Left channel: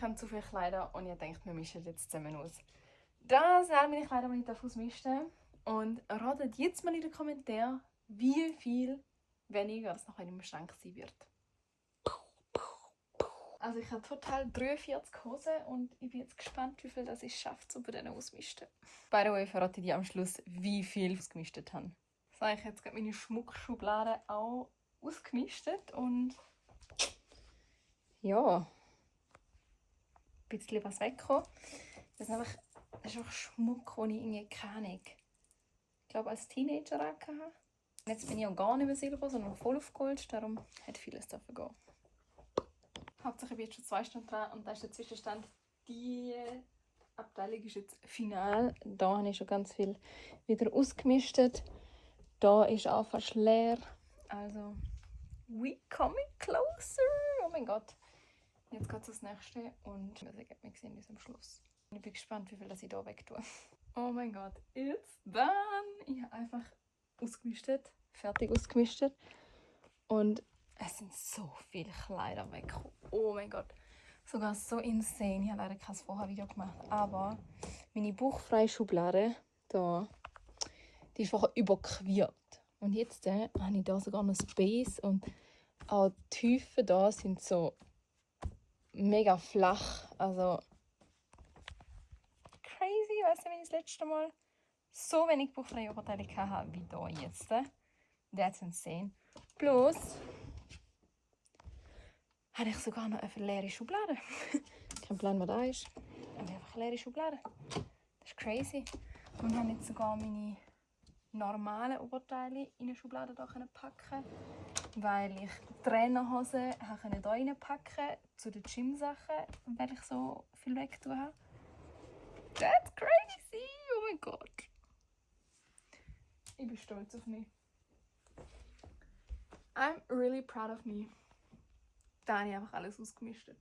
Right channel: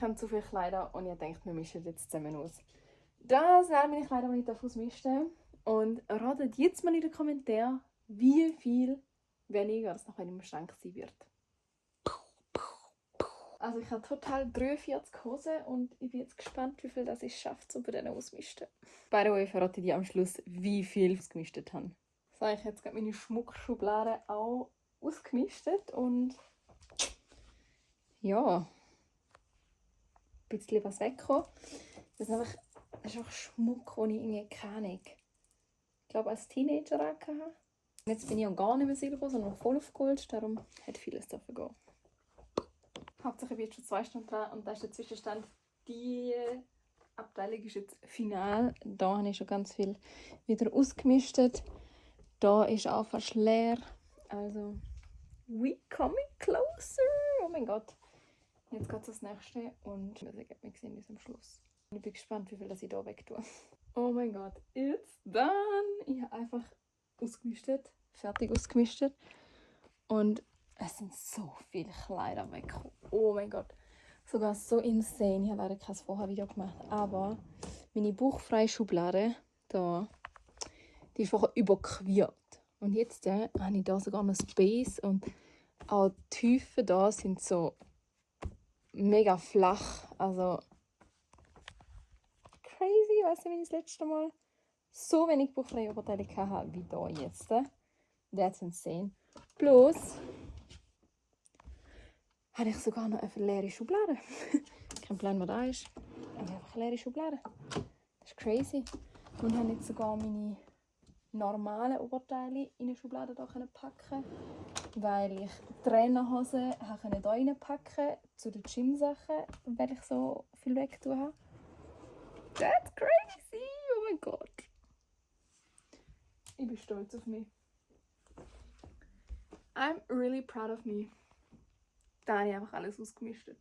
Ich habe zu viele Kleider und ich denke, wir mischen jetzt zusammen aus. Das sind meine Kleider, die ich ausmischen darf. Und ratet jetzt mal in den Kommentaren, wie viel weniger das noch in meinem Schrank sein wird. Also ich habe total 43 Hosen und ich bin jetzt gespannt, wie viel das ich schaffe, um bei denen auszumisten. By the way, verrate ich dir am Schluss, wie viel ich ausgemistet habe. So, ich habe jetzt gerade meine Schmuckschublade auch ausgemistet und ja, ein bisschen was weggekommen. Das ist einfach Schmuck, den ich irgendwie keine Ahnung. Ich glaube, als Teenager hatte. Jetzt bin ich auch gar nicht mehr Silber, sondern voll auf Gold, darum hat vieles dürfen gehen. Hauptsache ich bin jetzt schon 2 Stunden dran und da ist der Zwischenstand. Die Abteilung ist jetzt final. Da habe ich schon ganz viel wieder ausgemistet. Da ist auch fast leer. Also, we coming closer. Oh mein Gott. Jetzt geht es das nächste und wir sehen uns am Schluss. Ich bin gespannt, wie viel das ich hier weg tue. Oh mein Gott, it's done! Ich habe einfach ausgemistet, fertig ausgemistet. Und es sind so viele Kleider weggekommen. Oh mein Gott. Sogar so insane. Ich habe leider kein Vorher-Video gemacht. Aber meine bauchfreie Schublade, da, die ist vorher überquert. Und jetzt habe ich da sogar noch Space. Und auch die Tiefen da sind so mega flach. Also crazy. Ich weiß nicht, wenn ich das letzte Mal so wenig bauchfreie Oberteile hatte wie da jetzt. That's insane. Plus habe ich sogar noch eine leere Schublade. Kein Plan, wo da ist. Aber ich habe einfach eine leere Schublade. Das ist crazy. Und habe jetzt sogar meine normalen Oberteile in eine Schublade da packen, weil ich Trainerhosen hier reinpacken zu den Gym-Sachen, weil ich so viel wegtun habe. That's crazy! Oh mein Gott. Ich bin stolz auf mich. I'm really proud of me. Da habe ich einfach alles ausgemistet.